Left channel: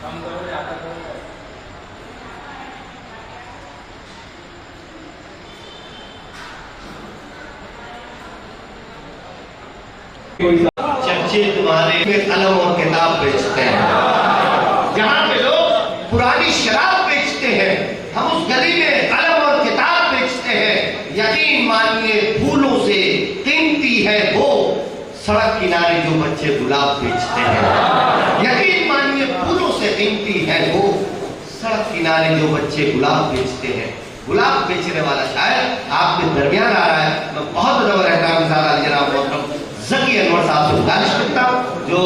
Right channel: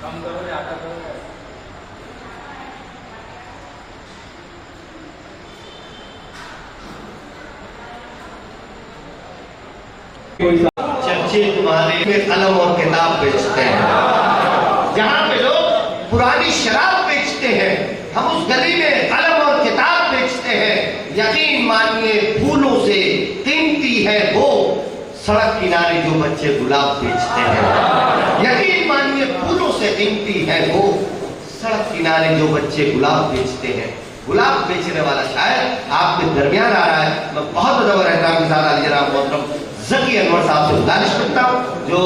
चर्चे तुम्हारे में कलम और किताब बेचते हैं। जहाँ पे लोग पुरानी शराब बेचते हैं, हम उस गली में कलम और किताब बेचते हैं। यकीन मानिए फूलों से कीमती है वो सड़क किनारे जो बच्चे गुलाब बेचते हैं। यकीन मानिए फूलों से कीमती है वो सड़क किनारे जो बच्चे गुलाब बेचते हैं। गुलाब बेचने वाला शायर आपके दरमियान आ रहा है। मैं बहुत बड़ा रहता जनाब मोहतरम ज़की अनवर साहब से गुजारिश करता हूँ जो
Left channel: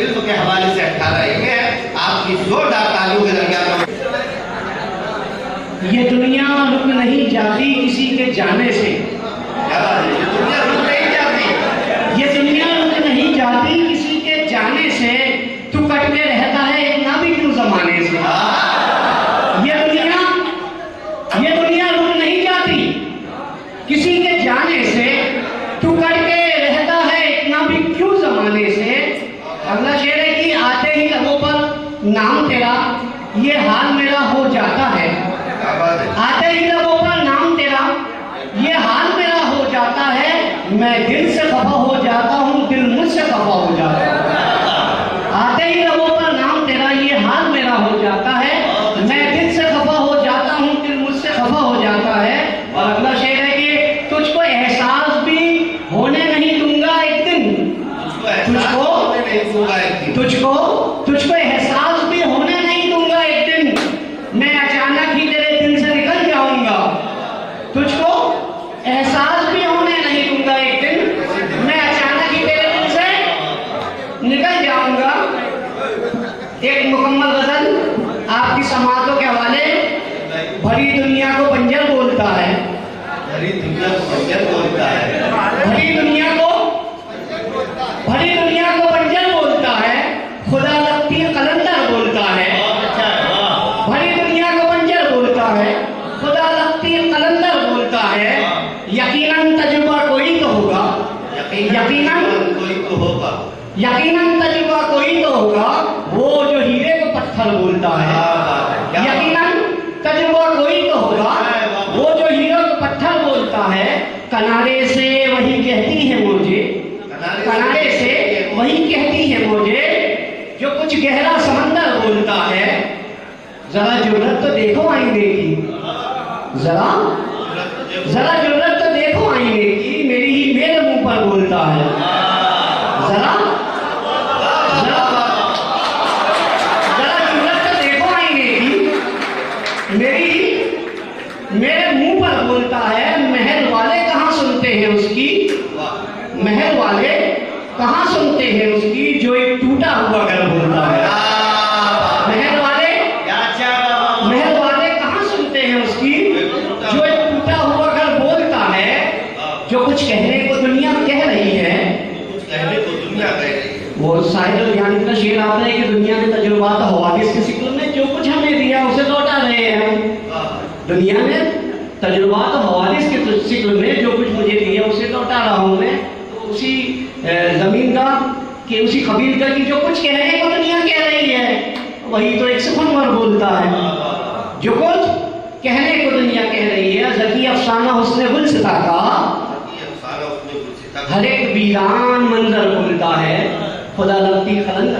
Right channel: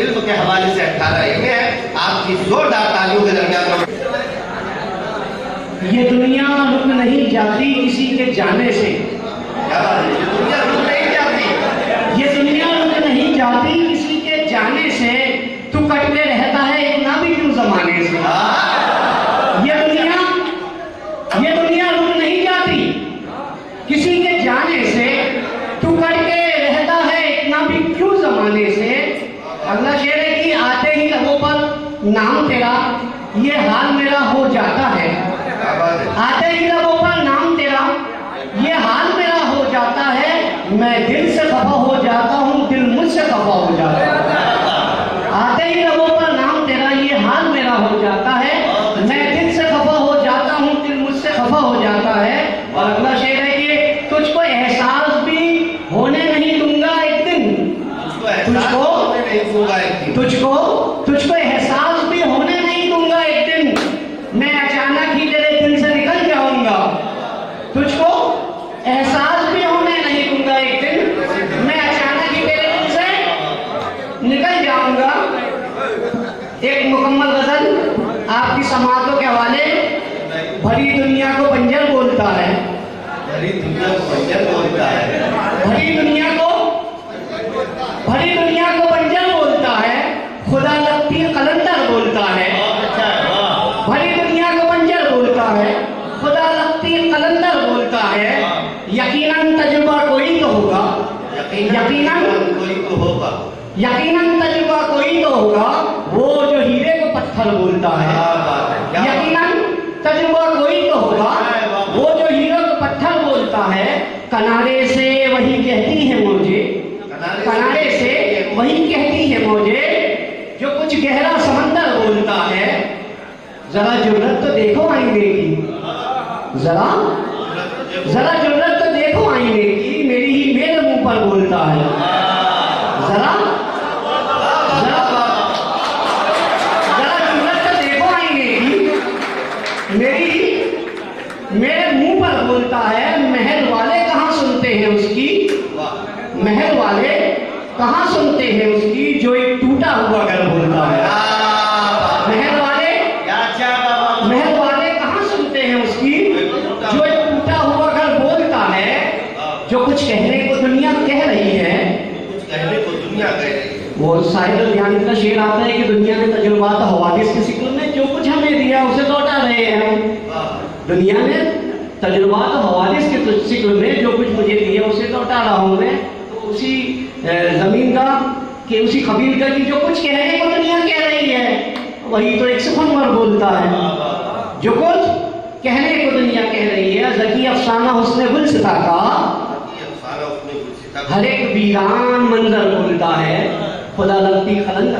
इल्म के हवाले से 18 एमए है, आपकी जोरदार तालियों के दरमियान। ये दुनिया रुक नहीं जाती किसी के जाने से। क्या बात है? ये दुनिया रुक नहीं जाती, ये दुनिया रुक नहीं जाती किसी के जाने से। तू कटते रहता है इतना भी क्यों जमाने से। ये दुनिया रुक नहीं जाती किसी के जाने से। तू कटते रहता है इतना भी क्यों जमाने से। अगला शेर है कि आते ही लबों पर नाम तेरा ये हाल मेरा हो जाता है। आते ही लबों पर नाम तेरा ये हाल मेरा हो जाता है। मैं दिल से खफा हो जाता हूँ, दिल मुझसे खफा हो जाता है। आते ही लबों पर नाम तेरा ये हाल मेरा हो जाता है। मैं दिल से खफा हो जाता हूँ, दिल मुझसे खफा हो जाता है। और अगला शेर है कि तुझको एहसास भी होने नहीं दूंगा एक दिन। तुझको एहसास भी होने नहीं दूंगा एक दिन। मैं अचानक ही तेरे दिल से निकल जाऊंगा। तुझको एहसास भी होने नहीं दूंगा एक दिन। मैं अचानक ही तेरे दिल से निकल जाऊंगा। एक मुकम्मल गजल आपकी समातों के हवाले। भरी दुनिया को बंजर बोलता है। भरी दुनिया को बंजर बोलता है। भरी दुनिया को बंजर बोलता है। खुदा लगती कलंदर बोलता है। भरी दुनिया को बंजर बोलता है, खुदा लगती कलंदर बोलता है। यकीनन तजुर्बा कोई तो होगा। यकीनन कोई तो होगा। यकीनन तजुर्बा कोई तो होगा वो जो हीरे को पत्थर बोलता है। यकीनन तजुर्बा कोई तो होगा वो जो हीरे को पत्थर बोलता है। किनारे से वही कहती है मुझे, किनारे से वही कहती है मुझे जो कुछ गहरा समंदर बोलता है। जरा जुर्रत तो देखो आईने की, जरा जुर्रत तो देखो आईने की। मेरी ही मेरे मुंह पर बोलता है। जरा जुर्रत तो देखो आईने की। मेरे मुंह पर बोलता है। महल वाले कहाँ सुनते हैं उसकी, महल वाले कहाँ सुनते हैं उसकी जो एक टूटा हुआ घर बोलता है। महल वाले कहाँ सुनते हैं उसकी जो एक टूटा हुआ घर बोलता है। जो कुछ कहने को दुनिया कह रही है, वो शायद ध्यान का शेर आता है कि दुनिया ने तजुर्बात हवादिस के सिक्ल में जो कुछ हमें दिया उसे लौटा रहे हैं हम। दुनिया ने तजुर्बात हवादिस के सिक्ल में जो कुछ मुझे दिया उसे लौटा रहा हूं मैं। तो उसी जमीन का कि उसी कबील का कि जो कुछ कहने को दुनिया कह रही है वही तो एक सुखनवर बोलता है। जो कुछ कहने को दुनिया कह रही है। ज़की अफसाना हुस्न गुलसिता का हर एक वीरान मंजर बोलता है। खुदा लगती कलंदर